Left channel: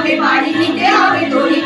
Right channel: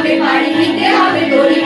হবে বাড়ি নিতে হবে দড়ি